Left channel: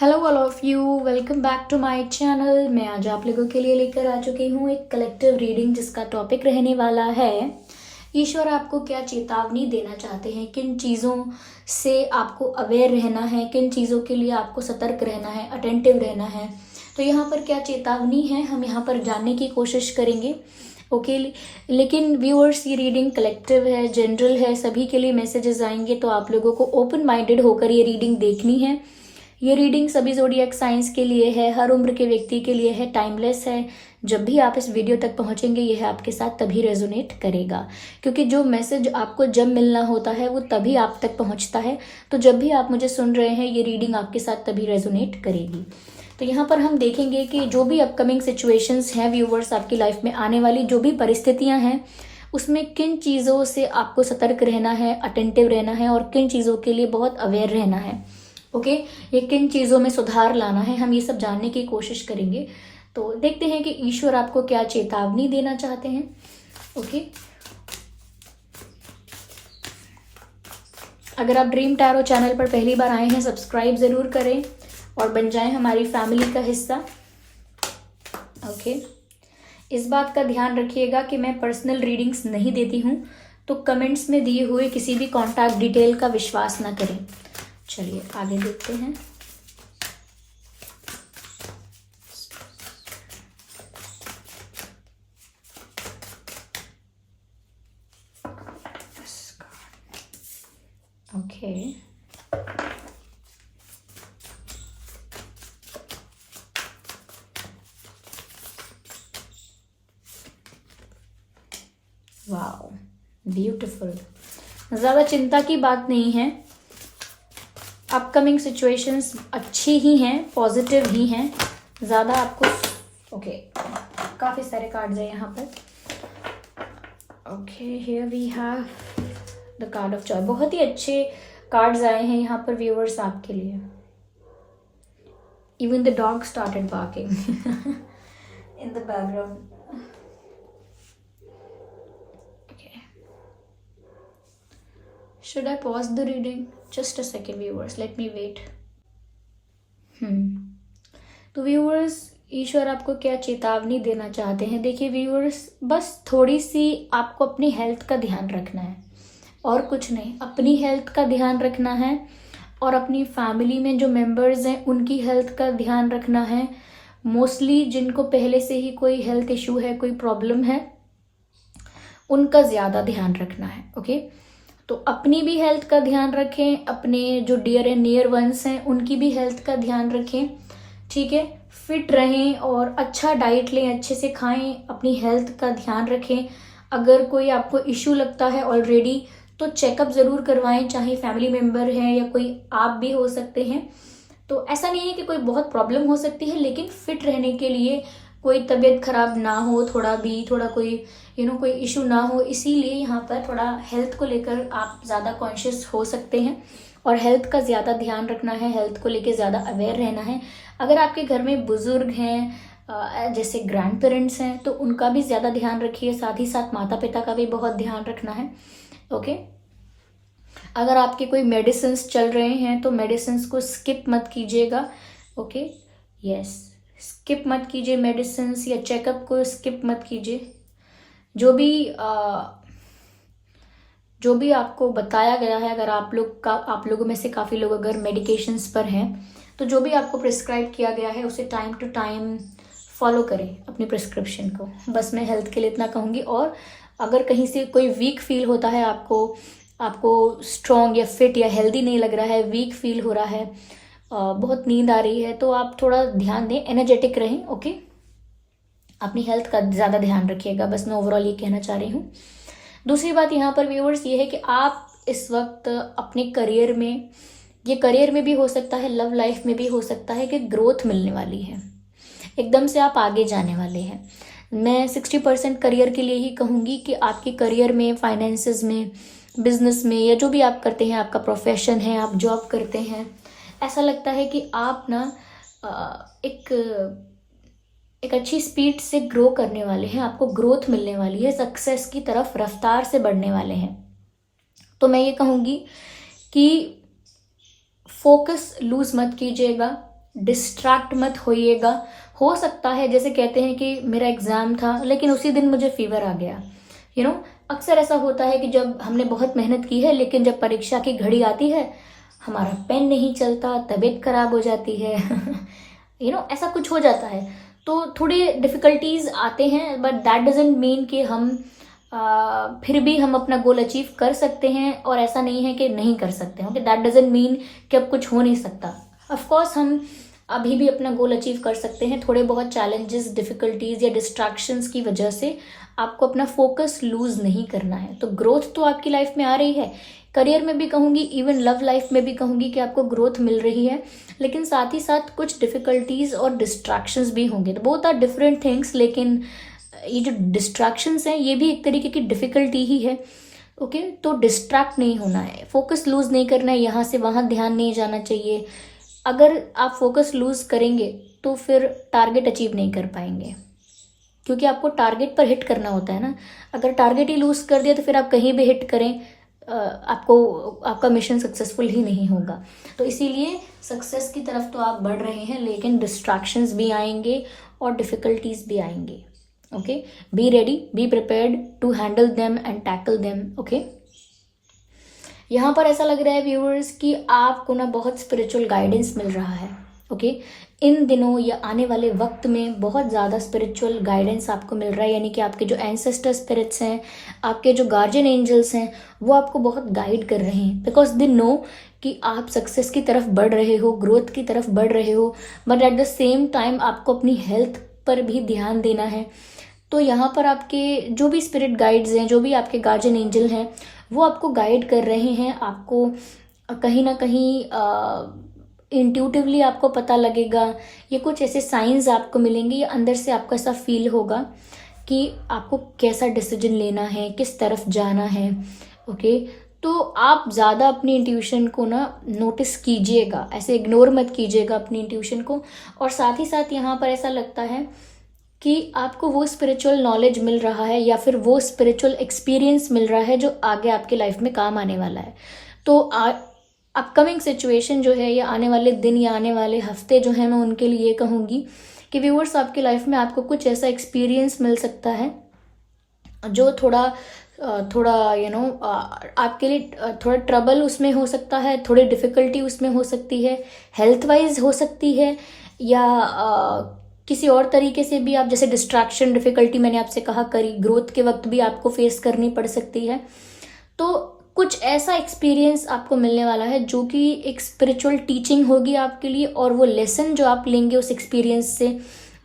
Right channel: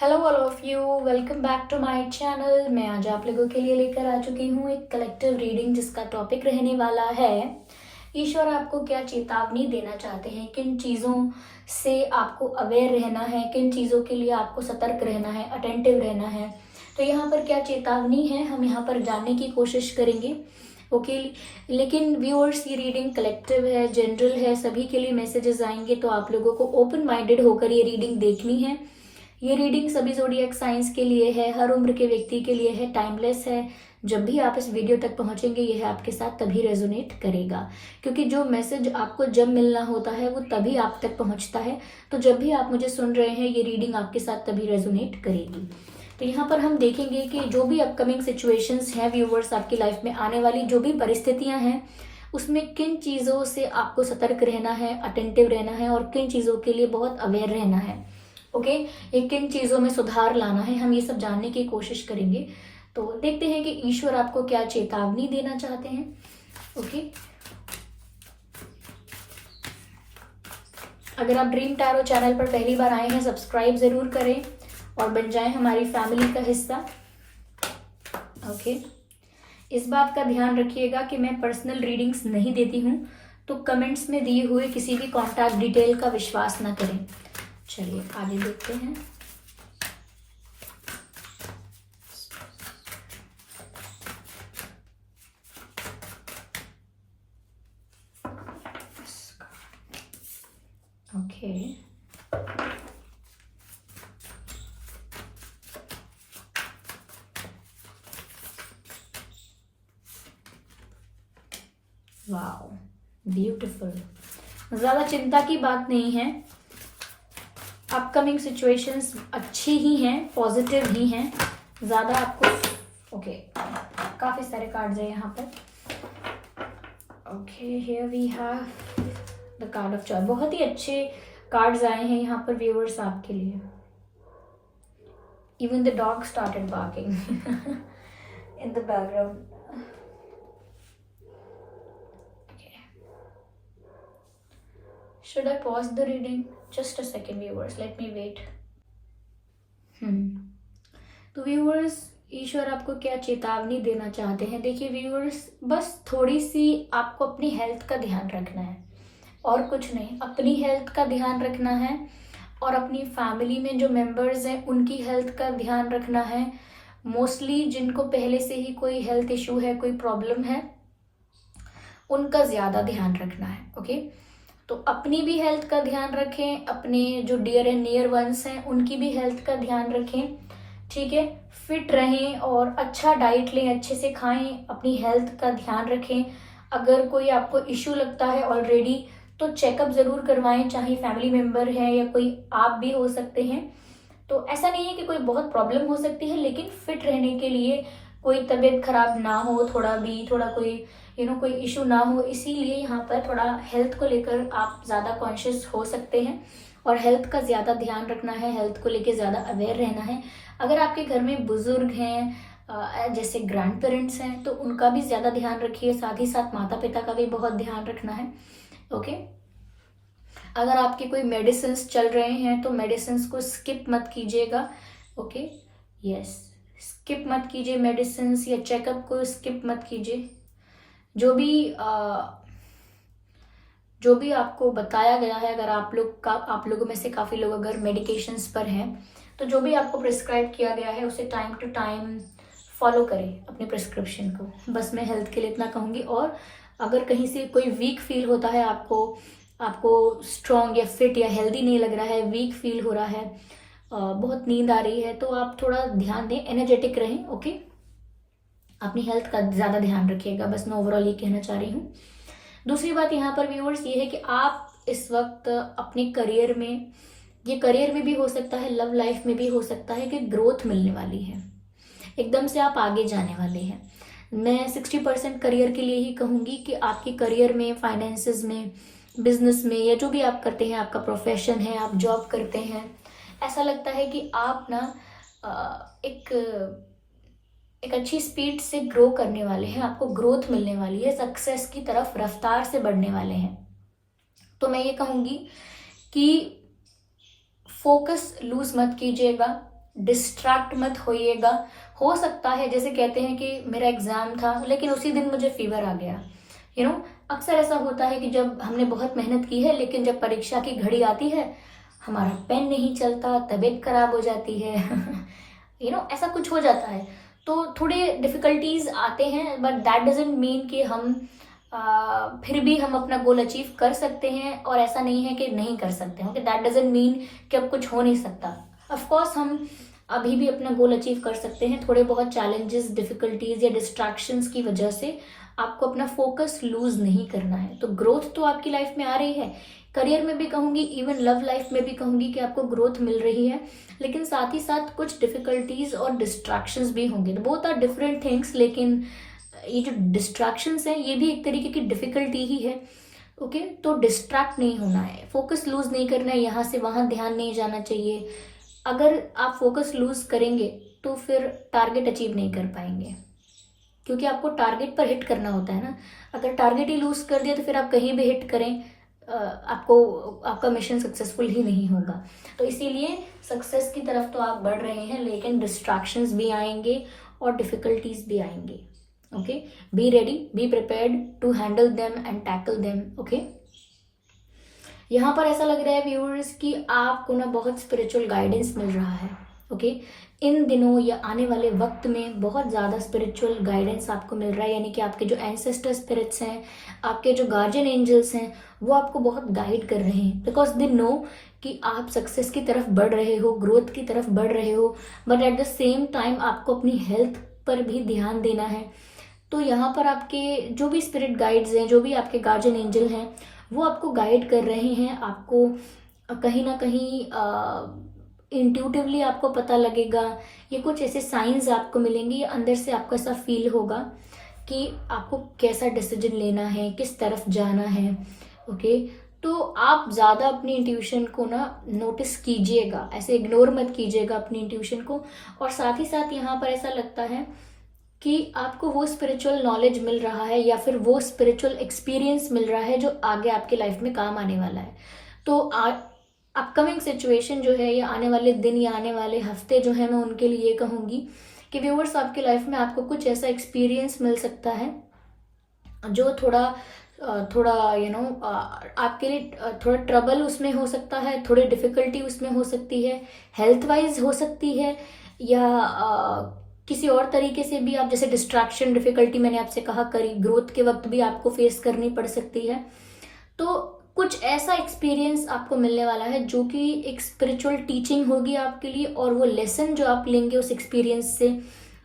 Hello all of you, welcome back to my channel. मैं आज आप लोगों के लिए लेकर आ चुकी हूँ एक कलेक्टिव रीडिंग जिसका टॉपिक रहने वाला है ईश्वर आपको क्या चेतावनी देना चाहते हैं, किन चीज़ों से आपको अवेयर रहना है, किन चीज़ों के लिए आपको सतर्क रहना है, अटेंटिव रहना है। तो यहाँ पर क्या चेतावनी है हम यहाँ पर जानने की कोशिश करेंगे। ओके लेकिन व्यूअर्स, ये रीडिंग कलेक्टिव है, जनरल है, सभी के लिए मैसेजेस आएंगे, तो आप लोगों को ओपन माइंडेड होकर ये रीडिंग देखनी है। ये रीडिंग सभी ज़ोडिएक साइंस के लिए है, हर उम्र के व्यक्ति के लिए है, टाइमलेस है। जब भी आप इस वीडियो तक पहुंचेंगे यह आपके साथ तभी रेजोनेट करेगा, क्योंकि जो मैसेज आपको जब मिलना होता है वो तभी आप तक पहुंचता है। तो जब भी आप मुझे सुन रहे हैं ये रीडिंग आपके साथ तभी रेजोनेट करेगी। तो यहाँ पर हम देखेंगे कि जो भी अपकमिंग सिचुएशंस हैं व्यूवर्स, आपकी लाइफ में आने वाली जो भी परिस्थितियाँ हैं उसमें किन चीज़ों से आपको सतर्क रहना है, अटेंटिव रहना है और किन चीज़ों के लिए बहुत अवेयर रहना है। ओके ये किन चीज़ों में सुधार लाना है, हम ये सब जानने की कोशिश करेंगे। तो देखते हैं कि ईश्वर आपको क्या चेतावनी देना चाहते हैं। ओके अगर आप ड्रीम टैरो चैनल पर पहली बार आए हैं, सब्सक्राइब ज़रूर करें और बन जाएं हमारी फैमिली का हिस्सा। ओके इस बात का ध्यान रखिएगा कि मैं पर्सनल रीडिंग्स नहीं देती हूँ, तो कमेंट्स में दिए हुए किसी भी कॉन्टैक्ट डिटेल का विश्वास ना करें। चलिए आगे देखते हैं। Okay wow beautiful. ज़्यादा चिंता की बात नहीं है, अपकमिंग सिचुएशंस अच्छी ही हैं, पॉजिटिव ही हैं। ज़्यादा आपको ओके काफ़ी सारे कार्ड्स हैं यहाँ पर। Okay here we have the card of joy. बहुत ही अच्छे कार्ड्स आए हैं यहाँ पर व्यूअर्स आपके लिए। Even the dog started barking in the background. Should I pause the reading? Just a second viewers, let me wait. तो व्यूअर्स, ईश्वर आपको क्या चेतावनी देना चाहते हैं। देखिए व्यूअर्स, बस थोड़ी सी आपको अपनी हेल्थ का ध्यान रखना है और कुछ नहीं। अपनी हेल्थ का ध्यान रखना है और अपनी फैमिली में जो मेंबर्स हैं उनकी हेल्थ का ध्यान रखना है। मोस्टली जिनको पहले से ही कोई हेल्थ इशू है, कोई प्रॉब्लम है, उनका ज़्यादा ध्यान रखना है। ओके तो अपनी भी हेल्थ का ध्यान रखें, अपने जो डियर एंड नियर वंस हैं उनकी भी हेल्थ का ध्यान रखें। ठीक है, फिट रहें और अच्छा डाइट लें, अच्छे से खाएं, अपनी हेल्थ का ध्यान रखें। अगर कोई आपको इशू लगता है ऑलरेडी तो चेकअप ज़रूर करवाएं, चाहे फैमिली मेम्बर है या कोई आप भी हो सकते हैं। तो ऐसा नहीं है कि कोई बहुत प्रॉब्लम हो सकती है, लेकिन फिट रहने के लिए कोई तबीयत खराब ना हो, थोड़ा कोई कोई इशू ना हो, इसीलिए यहाँ पर थोड़ा हेल्थ को लेकर आप ज़्यादा कॉन्शियस हो सकते हैं और हेल्थ का ज़्यादा ध्यान रखना है, हेल्थ को लेकर ज़्यादा अवेयर रहना है। अगर आपके घर में बुजुर्ग हैं, जैसे ग्रैंड पेरेंट्स हैं, तो उनका भी ज़्यादा ध्यान रखिए, साथ ही साथ माता पिता का भी बहुत ध्यान रखना है। ओके अगर आपके कोई मेडिसिन चल रहे हैं तो मेडिसिन को स्किप मत कीजिएगा। ओके यस, स्किप मत कीजिए मेडिसिन या चेकअप को स्किप मत कीजिए। जो भी आपको बताया गया है, अगर आप लोगों में से काफ़ी लोग अगर मेडिकेशंस पर हैं, तो जो भी आपको प्रिस्क्राइब किया गया है उसे टाइम टू टाइम फॉलो करें अपने प्रिस्क्रिप्शन को। बस मैं हेल्थ के लिए इतना कहूँगी। और अगर कहीं से कोई वीक फील होता है, आपको स्ट्रॉन्ग या फिट या हेल्दी नहीं लग रहा है, वीक फील हो रहा है, बहुत नींद आ रही है, तो आप थोड़ा ध्यान दें, एनर्जेटिक रहें। ओके अपनी हेल्थ का ज़्यादा ध्यान रखिएगा, बस मैं ओवरऑल ये कहना चाह रही हूँ। दूसरी बात यहाँ पर व्यूअर्स ये है कि आप इस वक्त अपने करियर में, ये करियर में भी हो सकता है, लव लाइफ में भी हो सकता है कि ग्रोथ मिलने वाली है, एकदम से आप आगे जाने वाले हैं। मैं 60% करियर के लिए ही कहूँगी कि आपके करियर में, फाइनेंसेस में, बिजनेस में, या जो भी आप करते हैं, आपका प्रोफेशन है, आप जॉब करते हैं, ऐसा लगता है कि आप ना एक अच्छी स्पीड से ग्रो करने वाले हैं, आपको ग्रोथ मिलने वाली है, सक्सेस की तरफ रफ्तार से बढ़ने वाले हैं। तो मैं ये कहूँगी कि फोकस लूज मत कीजिएगा, डिस्ट्रैक्ट मत होइएगा। हो सकता है जैसे कहते हैं कि मेरा एग्जाम था लेकिन उसी दिन मुझे फीवर आ गया, अक्सर ऐसा होता है कि जब हमने बहुत मेहनत की है लेकिन जब परीक्षा की घड़ी आती है हमारा पेन नहीं चलता, तबीयत खराब हो जाती है ऐसा कुछ हो जाता है। तो थोड़े डिफिकल्टीज आते हैं, बट दैट डजंट मीन कि हम फिर भी हम अपना गोल अचीव कर सकते हैं, और ऐसा नहीं है कि नहीं कर सकते हैं। दैट डजंट मीन कि अब कुछ हो नहीं सकता। ऑफ कोर्स हम अभी भी अपना गोल अचीव कर सकते हैं। थोड़े बहुत चैलेंजेस, डिफिकल्टीज या डिस्ट्रैक्शंस की वजह से आपको अपना फोकस लूज नहीं करना है। तो ग्रोथ तो आपकी लाइफ में आ रही है, करियर में भी कहूंगी, इवन लव लाइफ में भी कहूंगी कि आपको ग्रोथ मिल रही है, लेकिन साथ ही साथ कुछ डिफिकल्टीज और डिस्ट्रैक्शंस भी होंगे। तो बोथ आर डिफरेंट थिंग्स, लेकिन ये जो डिस्ट्रैक्शंस हैं ये भी एक तरीके की डिफिकल्टी ही है। ओके, तो डिस्ट्रैक्ट नहीं होना है, फोकस लूज नहीं करना है, यहाँ से वहाँ ध्यान नहीं जाना चाहिए। अगर आप फोकस लूज करेंगे तो फिर टारगेट अचीव नहीं कर पाएंगे, क्योंकि आपको टारगेट पर हिट करना होता है ना। अगर टारगेट ही लूज कर दिया तो फिर आप कहीं भी हिट करें, आपका मिशन सक्सेसफुल ही नहीं होगा। तो इसीलिए सक्सेस की तरफ तो आप बढ़ रहे हैं, लेकिन डिस्ट्रैक्शंस भी आएंगे और डिफिकल्टीज भी आएंगे। Okay, be ready, be prepared to handle them and tackle them. Okay, यहाँ पर ऐसा लग रहा है व्यूअर्स कि आपको ना बहुत स्पिरिचुअल गाइडेंस मिल रहा है। ओके, इन दिनों या आने वाले वक्त में बहुत ज़्यादा स्पिरिचुअल गाइडेंस आपको मिल रहा है, यानी कि आपके जो एंसेस्टर स्पिरिट्स हैं, आपके जो गार्जियन एंजल्स हैं, वो आपको बहुत गाइड कर रहे हैं, बिकॉज दे नो कि आप सक्सेस की तरफ बढ़ रहे हो, ग्रोथ की तरफ बढ़ रहे हो, but at the same time आपको अपनी हेल्थ पर भी ध्यान देना है। तो यहाँ पर आपके जो भी स्पिरिट गाइड्स हैं, जो भी आपके गार्जियन एंजल हैं, वो आपको गाइड कर रहे हैं। आपको कहीं ना कहीं इंट्यूटिवली आपको पता लगेगा, ये कुछ ऐसे साइंस आपको मिलेंगे, या अंदर से आपको ऐसा फील होगा कि आपको कैसा डिसीजन लेना है, किस तरफ जाना है। ओके, तो आप ज़्यादा अपनी इंट्यूशन को ना नोटिस कीजिएगा, ऐसे इग्नोर मत कीजिएगा अपनी इंट्यूशन को। और साथ ही साथ यहाँ पर ऐसा लगता है कि आपको वो स्पिरिचुअल नॉलेज मिल रहा है या फिर वो स्पिरिचुअल एक्सपीरियंस मिल रहा है जो आगे आपके लाइफ में काम आने वाला है। तो अपकमिंग सिचुएशन जो है, या आने वाले दिन या आने वाले हफ्ते जो है, मैं उनके लिए कहूँगी कि व्यूअर्स, आपकी लाइफ में आपको कुछ ऐसा एक्सपीरियंस मिल सकता है जो थोड़ा आपके लिए थोड़ा ट्रबल उसमें हो सकता है, थोड़ी डिफिकल्टी उसमें हो सकती है, हेल्थ वाइज हो सकती है, या किसी और तरीके से भी आप, जैसे डिस्ट्रैक्शन, डिफिकल्टी मैंने आपसे कहा, करी ग्रोथ के वक्त भी आपको फेस करनी पड़ सकती है। तो कुछ ऐसा एक्सपीरियंस आपको मिलने वाला है जो कि एक स्पिरिचुअल टीचिंग होगी आपके लिए, और वो लेसन जो आप लेंगे उस एक्सपीरियंस से,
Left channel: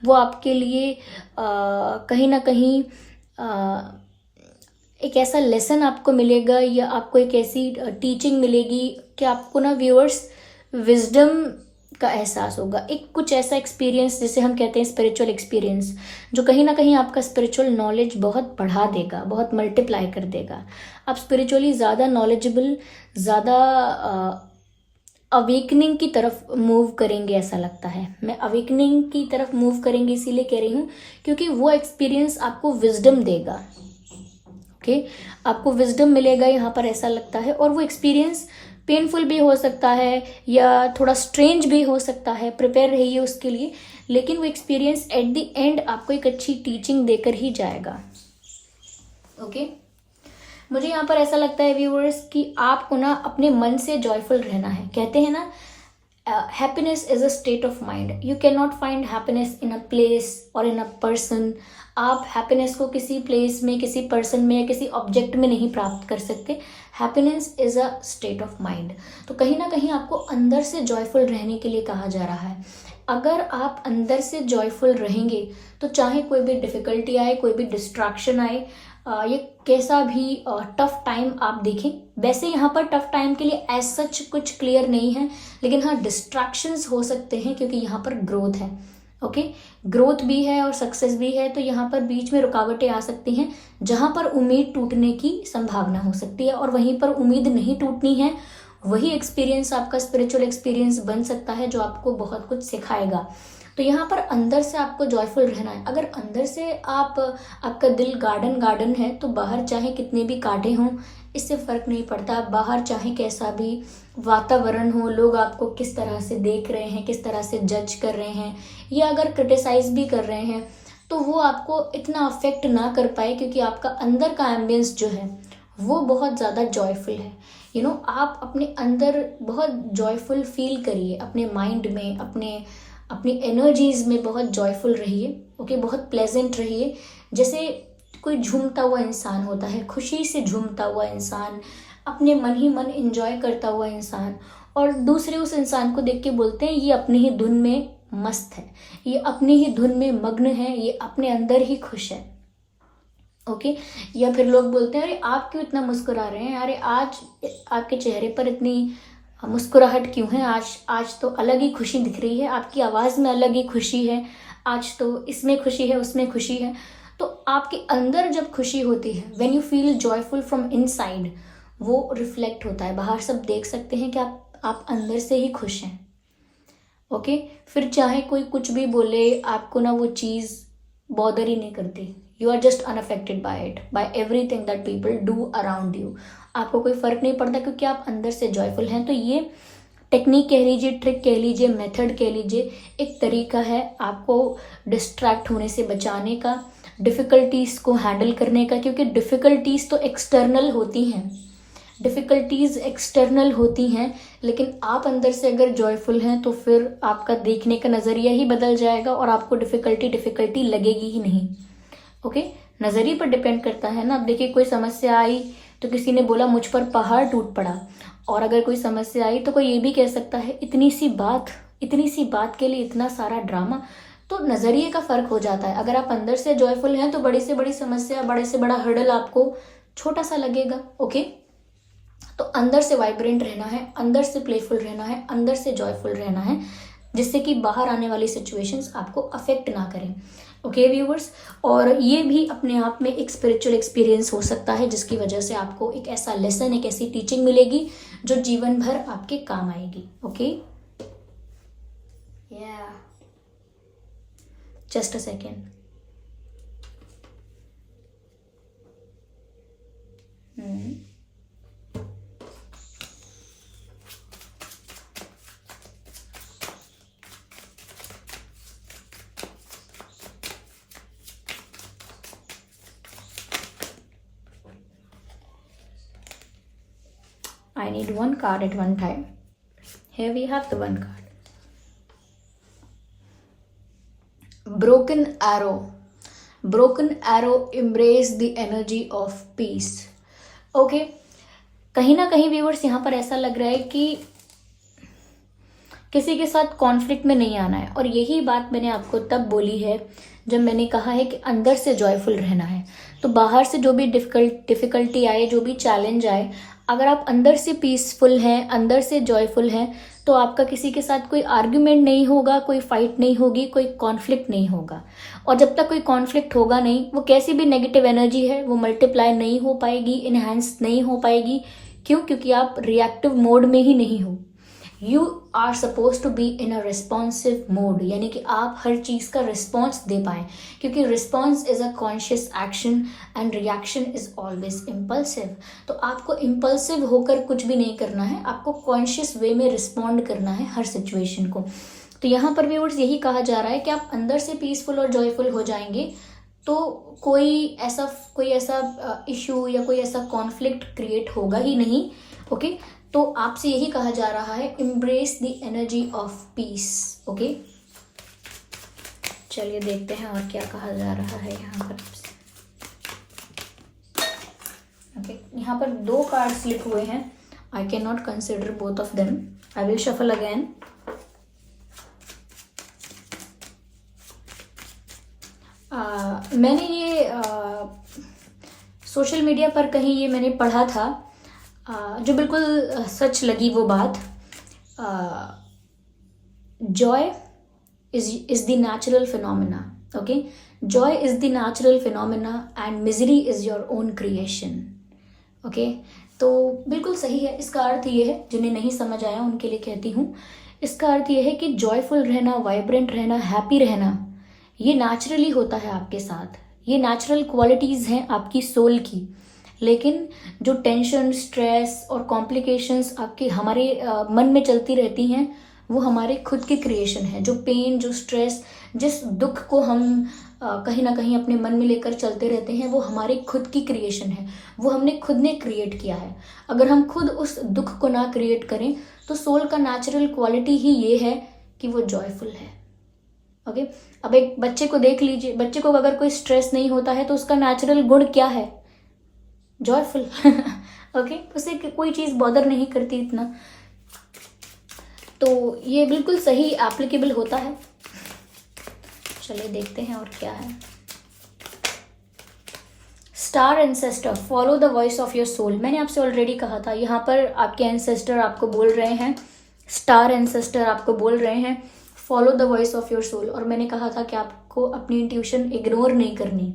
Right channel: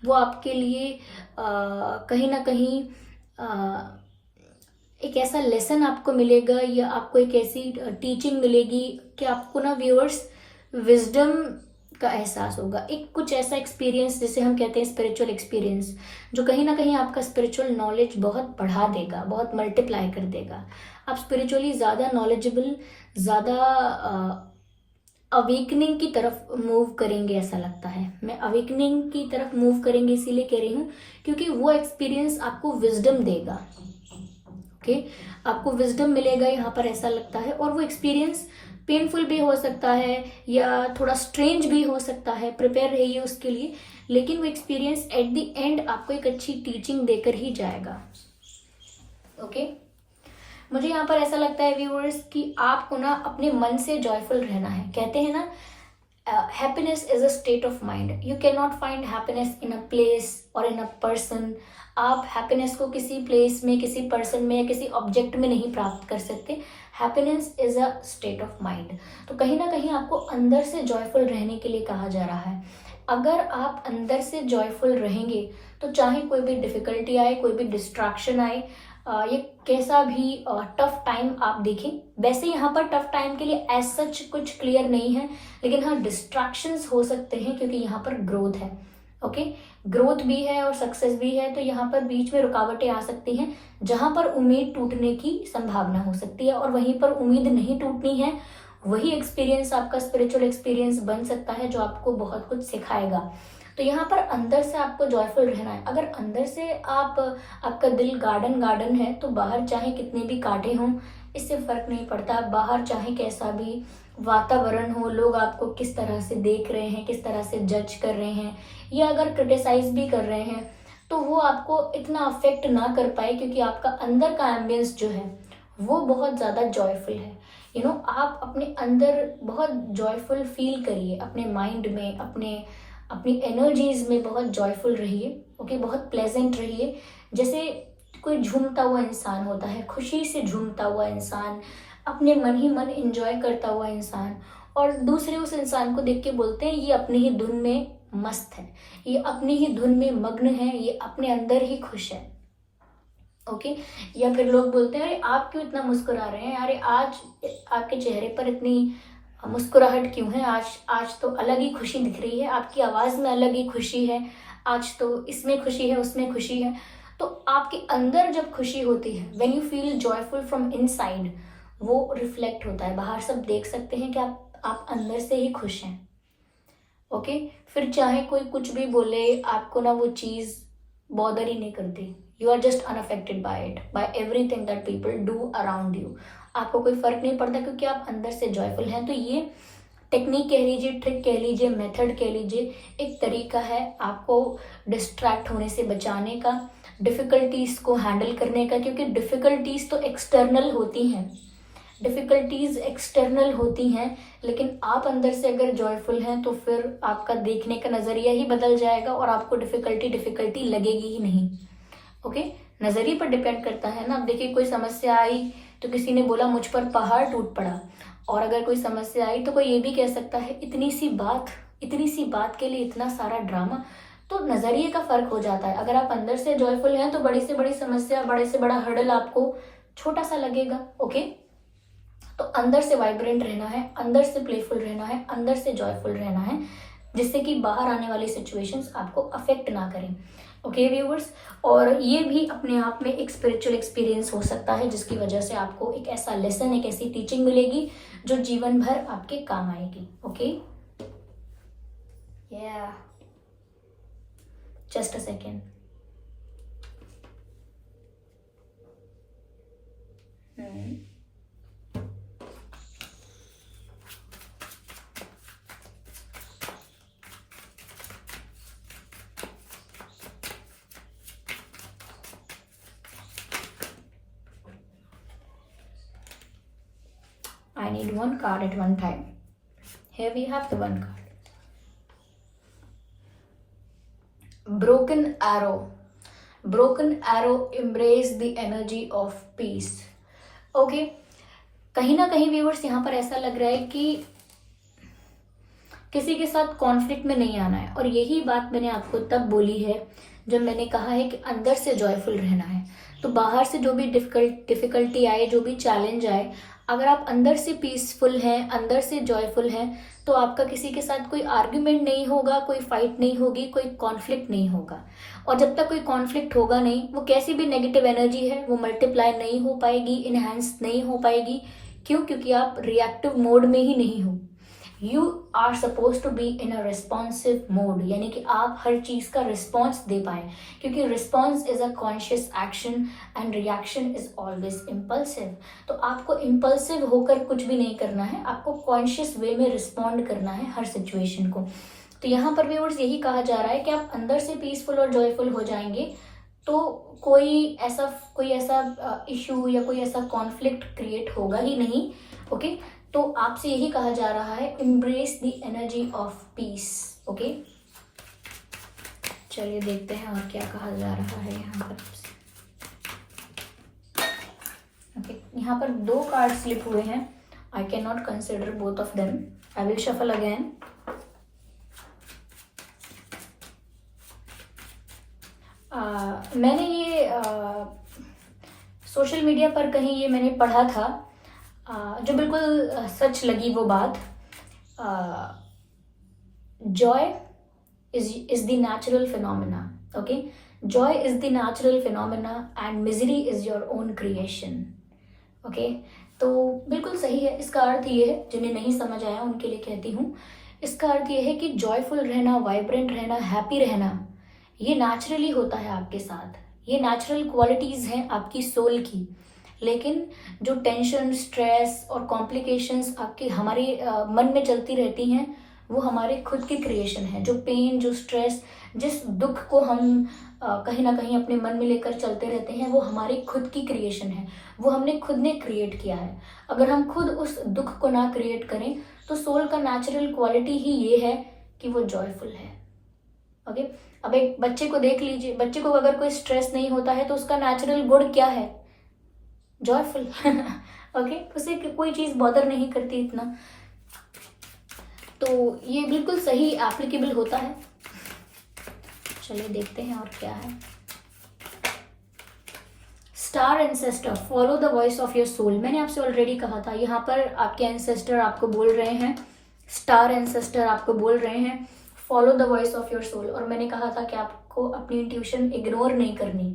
वो आपके लिए कहीं ना कहीं एक ऐसा लेसन आपको मिलेगा, या आपको एक ऐसी टीचिंग मिलेगी कि आपको ना व्यूअर्स विजडम का एहसास होगा। एक कुछ ऐसा एक्सपीरियंस जिसे हम कहते हैं स्पिरिचुअल एक्सपीरियंस, जो कहीं ना कहीं आपका स्पिरिचुअल नॉलेज बहुत बढ़ा देगा, बहुत मल्टीप्लाई कर देगा। आप स्पिरिचुअली ज़्यादा नॉलेजेबल, ज़्यादा अवेकनिंग की तरफ मूव करेंगे, ऐसा लगता है। मैं अवेकनिंग की तरफ मूव करेंगे इसीलिए कह रही हूँ क्योंकि वो एक्सपीरियंस आपको विजडम देगा। ओके, आपको विजडम मिलेगा यहाँ पर, ऐसा लगता है। और वो एक्सपीरियंस पेनफुल भी हो सकता है या थोड़ा स्ट्रेंज भी हो सकता है, प्रिपेयर रहिए उसके लिए, लेकिन वो एक्सपीरियंस एट द एंड आपको एक अच्छी टीचिंग देकर ही जाएगा। ओके, मुझे यहाँ पर ऐसा लगता है व्यूअर्स कि आपको ना अपने मन से जॉयफुल रहना है। कहते हैं ना, happiness is a state of mind, you can not find happiness in a place और इन अ पर्सन। आप हैप्पीनेस को किसी प्लेस में, किसी पर्सन में या किसी ऑब्जेक्ट में नहीं प्राप्त कर सकते। Happiness is a state of mind. तो कहीं ना कहीं आपको अंदर से जॉयफुल रहने के लिए कहा जा रहा है। अगर आप अंदर से जॉयफुल रहेंगे तो चाहे कोई भी डिफिकल्टी आए, कोई भी डिस्ट्रैक्शन आए, ये कैसा भी टफ टाइम आप देखें, वैसे यहाँ पर टफ टाइम के लिए एज सच कुछ क्लियर नहीं है, लेकिन हाँ डिस्ट्रैक्शंस हो सकते हैं क्योंकि यहाँ पर ग्रोथ है। ओके, ग्रोथ भी है और सक्सेस भी है, तो यहाँ पर बीच में रुकावटें आ सकती हैं जहाँ पर उम्मीद टूटने की संभावना हो सकती है, और वहीं पर उम्मीद नहीं टूटनी है। वही एक्सपीरियंस आपका स्पिरिचुअल एक्सपीरियंस बन सकता है जो आपको बहुत कुछ सिखाएगा। तो यहाँ पर अंदर से आपको जॉयफुल रहना है। अगर अंदर से आपका दिल गार्डन है, तो बाहर चाहे कितने भी कांटे हों, इससे फर्क नहीं पड़ता। आप बाहर चाहे कैसा भी वातावरण हो, लोग आपको किस तरह से देख रहे हैं, किस तरह से जज कर रहे हैं, या अगर क्रिटिसाइज भी कर रहे हैं तो वो आपको इतना अफेक्ट ना कर पाए, क्योंकि आपका अंदर का एम्बियंस जो है वो बहुत ज़्यादा जॉयफुल है। आप अपने अंदर बहुत जॉयफुल फील करिए, अपने माइंड में, अपनी एनर्जीज में बहुत जॉयफुल रहिए। ओके, बहुत प्लेजेंट रहिए। जैसे कोई झूमता हुआ इंसान होता है, खुशी से झूमता हुआ इंसान, अपने मन ही मन एंजॉय करता हुआ इंसान, और दूसरे उस इंसान को देख के बोलते हैं ये अपनी ही धुन में मस्त है, ये अपनी ही धुन में मग्न है, ये अपने अंदर ही खुश है। ओके, या फिर लोग बोलते हैं अरे आप क्यों इतना मुस्कुरा रहे हैं, अरे आज आपके चेहरे पर इतनी मुस्कुराहट क्यों है, आज तो अलग ही खुशी दिख रही है, आपकी आवाज़ में अलग ही खुशी है, आज तो इसमें खुशी है, उसमें खुशी है। तो आपके अंदर जब खुशी होती है, when you feel joyful from inside, वो रिफ्लेक्ट होता है बाहर। सब देख सकते हैं कि आप अंदर से ही खुश हैं। ओके, फिर चाहे कोई कुछ भी बोले, आपको ना वो चीज़ बॉदर ही नहीं करती। You are just unaffected by it, by everything that people do around you. आपको कोई फर्क नहीं पड़ता, क्योंकि आप अंदर से जॉयफुल हैं। तो ये टेक्निक कह लीजिए, ट्रिक कह लीजिए, मेथड कह लीजिए, एक तरीका है आपको डिस्ट्रैक्ट होने से बचाने का, डिफ़िकल्टीज़ को हैंडल करने का। क्योंकि डिफ़िकल्टीज़ तो एक्सटर्नल होती हैं, लेकिन आप अंदर से अगर जॉयफुल हैं तो फिर आपका देखने का नज़रिया ही बदल जाएगा और आपको डिफ़िकल्टी लगेगी ही नहीं। ओके, नज़रिए पर डिपेंड करता है ना। अब देखिए, कोई समस्या आई तो किसी ने बोला मुझ पर पहाड़ टूट पड़ा, और अगर कोई समस्या आई तो कोई ये भी कह सकता है इतनी सी बात के लिए इतना सारा ड्रामा। तो नज़रिए का फर्क हो जाता है। अगर आप अंदर से जॉयफुल हैं तो बड़ी से बड़ी समस्या, बड़े से बड़ा हर्डल आपको छोटा सा लगेगा। ओके, तो अंदर से वाइब्रेंट रहना है, अंदर से प्लेफुल रहना है, अंदर से जॉयफुल रहना है, जिससे कि बाहर आने वाली सिचुएशंस आपको अफेक्ट ना करें। ओके व्यूअर्स, और ये भी अपने आप में एक स्पिरिचुअल एक्सपीरियंस हो सकता है, जिसकी वजह से आपको एक ऐसा लेसन, एक ऐसी टीचिंग मिलेगी जो जीवन भर आपके काम आएगी। ओके, या just a second. I need one card at one time. Here we have the one card. Broken arrow, embrace the energy of peace. Okay, कहीं ना कहीं व्यूअर्स यहाँ पर ऐसा लग रहा है कि किसी के साथ कॉन्फ्लिक्ट में नहीं आना है। और यही बात मैंने आपको तब बोली है जब मैंने कहा है कि अंदर से जॉयफुल रहना है। तो बाहर से जो भी डिफिकल्टी आए, जो भी चैलेंज आए, अगर आप अंदर से पीसफुल हैं, अंदर से जॉयफुल हैं, तो आपका किसी के साथ कोई आर्ग्यूमेंट नहीं होगा, कोई फाइट नहीं होगी, कोई कॉन्फ्लिक्ट नहीं होगा। और जब तक कोई कॉन्फ्लिक्ट होगा नहीं, वो कैसी भी नेगेटिव एनर्जी है वो मल्टीप्लाई नहीं हो पाएगी, इनहेंस नहीं हो पाएगी। क्यों? क्योंकि आप रिएक्टिव मोड में ही नहीं हो। You are suppose to be in a responsive mode, यानी कि आप हर चीज़ का रिस्पॉन्स दे पाएँ, क्योंकि response is a conscious action and reaction is always impulsive. तो आपको इम्पल्सिव होकर कुछ भी नहीं करना है, आपको कॉन्शियस वे में रिस्पॉन्ड करना है हर सिचुएशन को। तो यहाँ पर भी व्यूअर्स यही कहा जा रहा है कि आप अंदर से पीसफुल और जॉयफुल हो जाएंगे तो कोई ऐसा इशू या कोई ऐसा कॉन्फ्लिक्ट क्रिएट होगा ही नहीं। ओके, तो आपसे यही कहा जा रहा है, embrace the energy of peace. Okay, चलिए देखते हैं और क्या कहा जा रहा है यहाँ पर। ओके, यहाँ पर 2 कार्ड स्लिप हुए हैं। I can not consider both of them. I will shuffle again. मैंने ये सोशल मीडिया पर कहीं ये मैंने पढ़ा था, जो बिल्कुल सच लगी वो बात। Joy is the natural phenomena. Okay, Joy is the natural phenomena and misery is your own creation. Okay, तो बिल्कुल सही है। इसका अर्थ ये है, जिन्हें नहीं समझ आया उनके लिए कहती हूँ, इसका अर्थ ये है कि जॉयफुल रहना, वाइब्रेंट रहना, हैप्पी रहना, ये नेचुरली होता है आपके साथ। ये नेचुरल क्वालिटीज़ हैं आपकी सोल की। लेकिन जो टेंशन, स्ट्रेस और कॉम्प्लिकेशंस आपकी हमारे मन में चलती रहती हैं, वो हमारे खुद की क्रिएशन है। जो पेन, जो स्ट्रेस, जिस दुख को हम कहीं ना कहीं अपने मन में लेकर चलते रहते हैं, वो हमारी खुद की क्रिएशन है, वो हमने खुद ने क्रिएट किया है। अगर हम खुद उस दुख को ना क्रिएट करें तो सोल का नेचुरल क्वालिटी ही ये है कि वो जॉयफुल है। ओके, अब एक बच्चे को देख लीजिए, बच्चे को अगर कोई स्ट्रेस नहीं होता है तो उसका नेचुरल गुण क्या है? जॉयफुल। ओके, उसे कोई चीज बॉदर नहीं करती इतना। तो ये बिल्कुल सही एप्लीकेबल होता है। चलिए देखते हैं और क्या है। Star ancestor, follow the voice of your soul. मैंने आपसे ऑलरेडी कहा था, यहाँ पर आपके एंसेस्टर आपको बोल रहे हैं, स्टार एंसेस्टर आपको बोल रहे हैं follow the voice of your soul. और मैंने कहा था कि आपको अपनी इंट्यूशन इग्नोर नहीं करनी,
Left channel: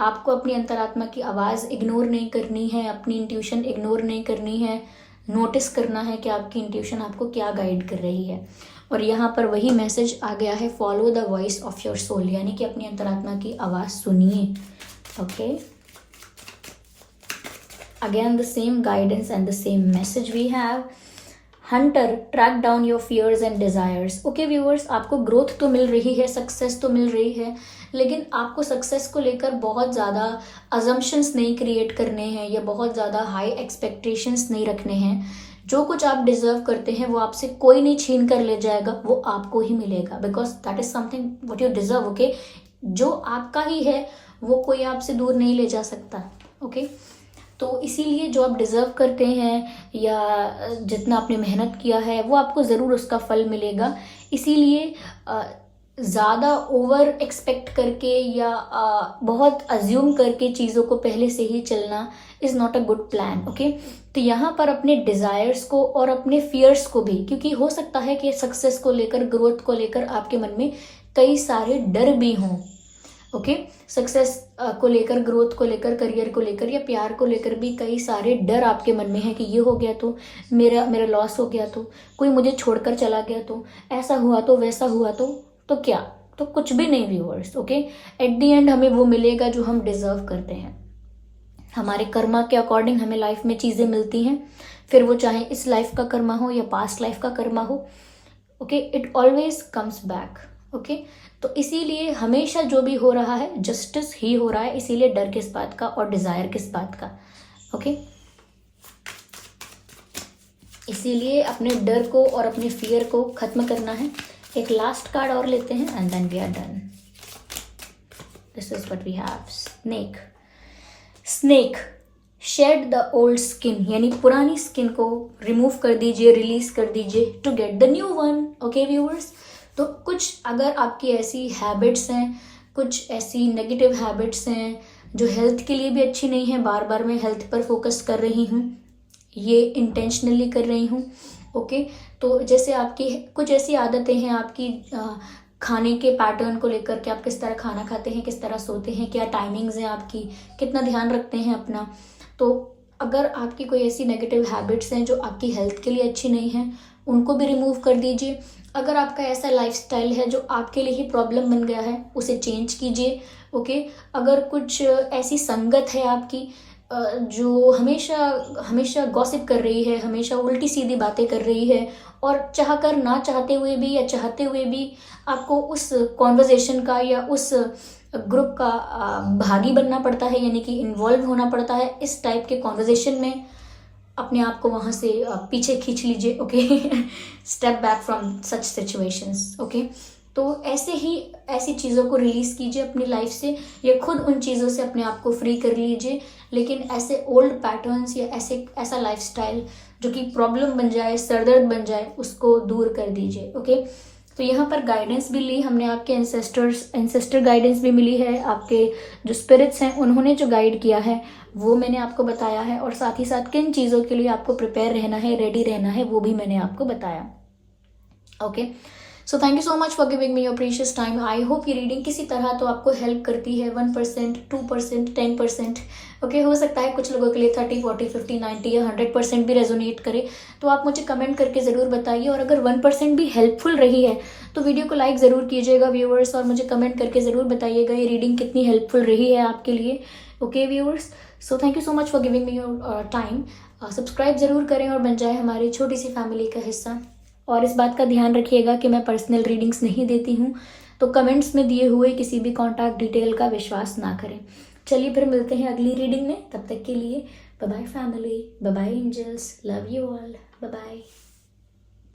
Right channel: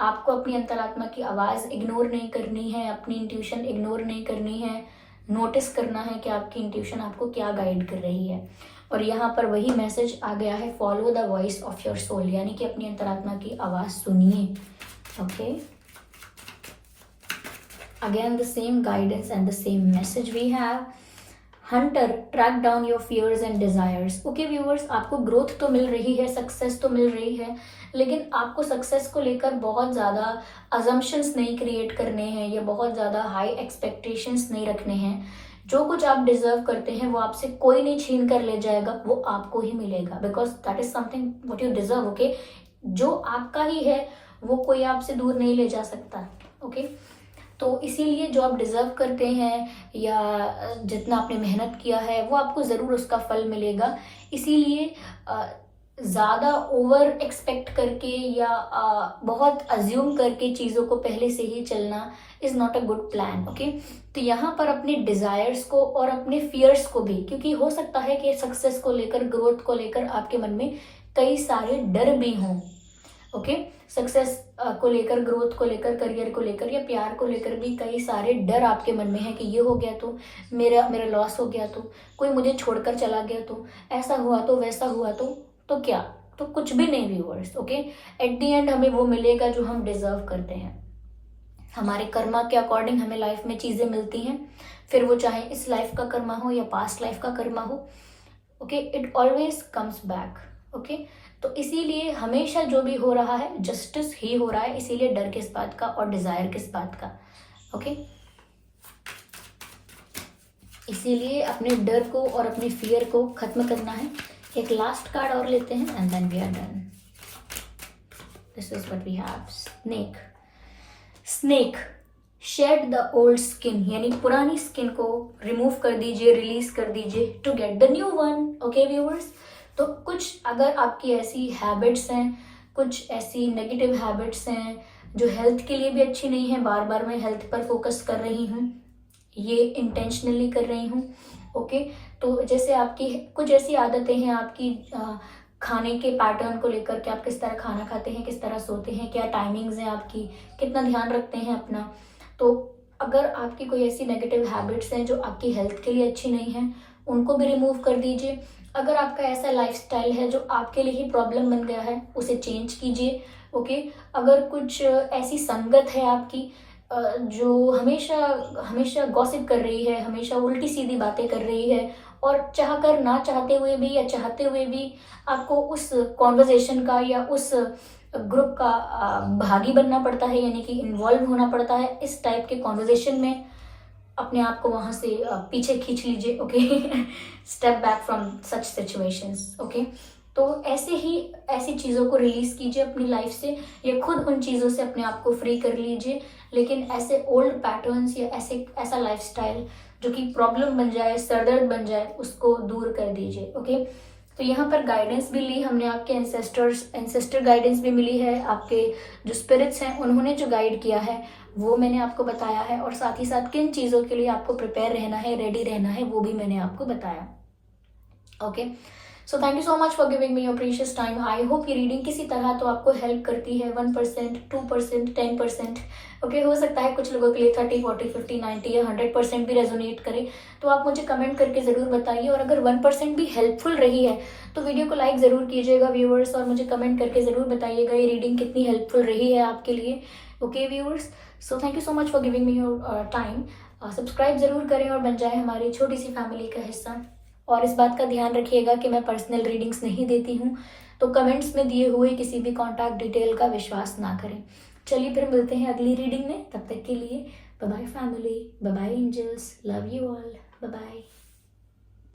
आपको अपनी अंतरात्मा की आवाज़ इग्नोर नहीं करनी है, अपनी इंट्यूशन इग्नोर नहीं करनी है, नोटिस करना है कि आपकी इंट्यूशन आपको क्या गाइड कर रही है। और यहाँ पर वही मैसेज आ गया है, follow the voice of your soul, यानी कि अपनी अंतरात्मा की आवाज़ सुनिए। Okay, again the same guidance and the same message we have. Hunter, track down your fears and desires. Okay viewers, आपको ग्रोथ तो मिल रही है, सक्सेस तो मिल रही है, लेकिन आपको सक्सेस को लेकर बहुत ज़्यादा अजम्पशंस नहीं क्रिएट करने हैं या बहुत ज़्यादा हाई एक्सपेक्टेशंस नहीं रखने हैं। जो कुछ आप डिजर्व करते हैं वो आपसे कोई नहीं छीन कर ले जाएगा, वो आपको ही मिलेगा, because that is something what you deserve. Okay, जो आपका ही है वो कोई आपसे दूर नहीं ले जा सकता। ओके, तो इसीलिए जो आप डिजर्व करते हैं या जितना आपने मेहनत किया है वो आपको ज़रूर उसका फल मिलेगा। इसीलिए ज़्यादा ओवर एक्सपेक्ट करके या बहुत अज्यूम करके चीज़ों को पहले से ही चलना is not a good plan. Okay, तो यहाँ पर अपने डिज़ायर्स को और अपने फियर्स को भी, क्योंकि हो सकता है कि सक्सेस को लेकर, ग्रोथ को लेकर आपके मन में कई सारे डर भी हों। ओके, सक्सेस को लेकर, ग्रोथ को लेकर, करियर को लेकर या प्यार को लेकर भी कई सारे डर आपके मन में है कि ये हो गया तो मेरा लॉस हो गया, तो कोई मुझे छोड़कर चला गया, तो ऐसा हुआ, तो वैसा हुआ, तो क्या, तो कुछ भी नहीं viewers. Okay, at the end हमें वो मिलेगा जो हम डिजर्व करते हैं। हमारे कर्मा के अकॉर्डिंग हमें लाइफ में चीज़ें मिलती हैं, फिर वो चाहे इस लाइफ का कर्मा हो या पास्ट लाइफ का कर्मा हो। Okay, it always comes back. Okay, तो इसीलिए हमेशा जो भी हो रहा है जस्टिस ही हो रहा है, इसीलिए डर किस बात का और डिजायर किस बात का। ओके, इसीलिए अपने डर को और अपने फियर को खत्म करना है। एक लास्ट कार्ड और लेते हैं and then we are done. This is what we have. Snake, snake shed the old skin, यानी पुरानी स्किन को रिमूव कर दीजिए, रिलीज कर दीजिए to get the new one. Okay viewers, तो कुछ अगर आपकी ऐसी हैबिट्स हैं, कुछ ऐसी नेगेटिव हैबिट्स हैं जो हेल्थ के लिए भी अच्छी नहीं है, बार बार मैं हेल्थ पर फोकस कर रही हूँ, ये इंटेंशनली कर रही हूँ। ओके, तो जैसे आपकी कुछ ऐसी आदतें हैं आपकी खाने के पैटर्न को लेकर के, आप किस तरह खाना खाते हैं, किस तरह सोते हैं, क्या टाइमिंग्स हैं आपकी, कितना ध्यान रखते हैं अपना, तो अगर आपकी कोई ऐसी नेगेटिव हैबिट्स हैं जो आपकी हेल्थ के लिए अच्छी नहीं है, उनको भी रिमूव कर दीजिए। अगर आपका ऐसा लाइफस्टाइल है जो आपके लिए ही प्रॉब्लम बन गया है, उसे चेंज कीजिए। ओके, अगर कुछ ऐसी संगत है आपकी जो हमेशा हमेशा गॉसिप कर रही है, हमेशा उल्टी सीधी बातें कर रही है, और चाहकर ना चाहते हुए भी या चाहते हुए भी आपको उस कॉन्वर्जेशन का या उस ग्रुप का भागी बनना पड़ता है, यानी कि इन्वॉल्व होना पड़ता है इस टाइप के कॉन्वर्जेशन में, अपने आप को वहाँ से पीछे खींच लीजिए। Okay, step back from such situations. Okay, तो ऐसे ही ऐसी चीज़ों को रिलीज कीजिए अपनी लाइफ से, या खुद उन चीज़ों से अपने आप को फ्री कर लीजिए, लेकिन ऐसे ओल्ड पैटर्न्स या ऐसा लाइफस्टाइल जो कि प्रॉब्लम बन जाए, सरदर्द बन जाए, उसको दूर कर दीजिए। ओके, तो यहाँ पर गाइडेंस भी ली हमने, आपके एंसेस्टर गाइडेंस भी मिली है, आपके जो स्पिरिट्स हैं उन्होंने जो गाइड किया है वो मैंने आपको बताया है, और साथ ही साथ किन चीज़ों के लिए आपको प्रिपेयर रहना है, रेडी रहना है, वो भी मैंने आपको बताया। Okay, so thank you so much for giving me your precious time. I hope ये रीडिंग किसी तरह तो आपको हेल्प करती है, 1%, 2%, 10%। ओके, हो सकता है कुछ लोगों के लिए 30, 40, 50, 90 या 100% भी रेजोनेट करे। तो आप मुझे कमेंट करके ज़रूर बताइए, और अगर 1% भी हेल्पफुल रही है तो वीडियो को लाइक ज़रूर कीजिएगा व्यूअर्स, और मुझे कमेंट करके ज़रूर बताइएगा ये रीडिंग कितनी हेल्पफुल रही है आपके लिए। Okay viewers, so thank you so much for giving me your time. Subscribe ज़रूर करें और बन जाए हमारी छोटी सी फैमिली का हिस्सा। और इस बात का ध्यान रखिएगा कि मैं पर्सनल रीडिंग्स नहीं देती हूँ, तो कमेंट्स में दिए हुए किसी भी कॉन्टैक्ट डिटेल का विश्वास ना करें। चलिए फिर मिलते हैं अगली रीडिंग में, तब तक के लिए bye bye family, bye bye angels, love you all, bye bye.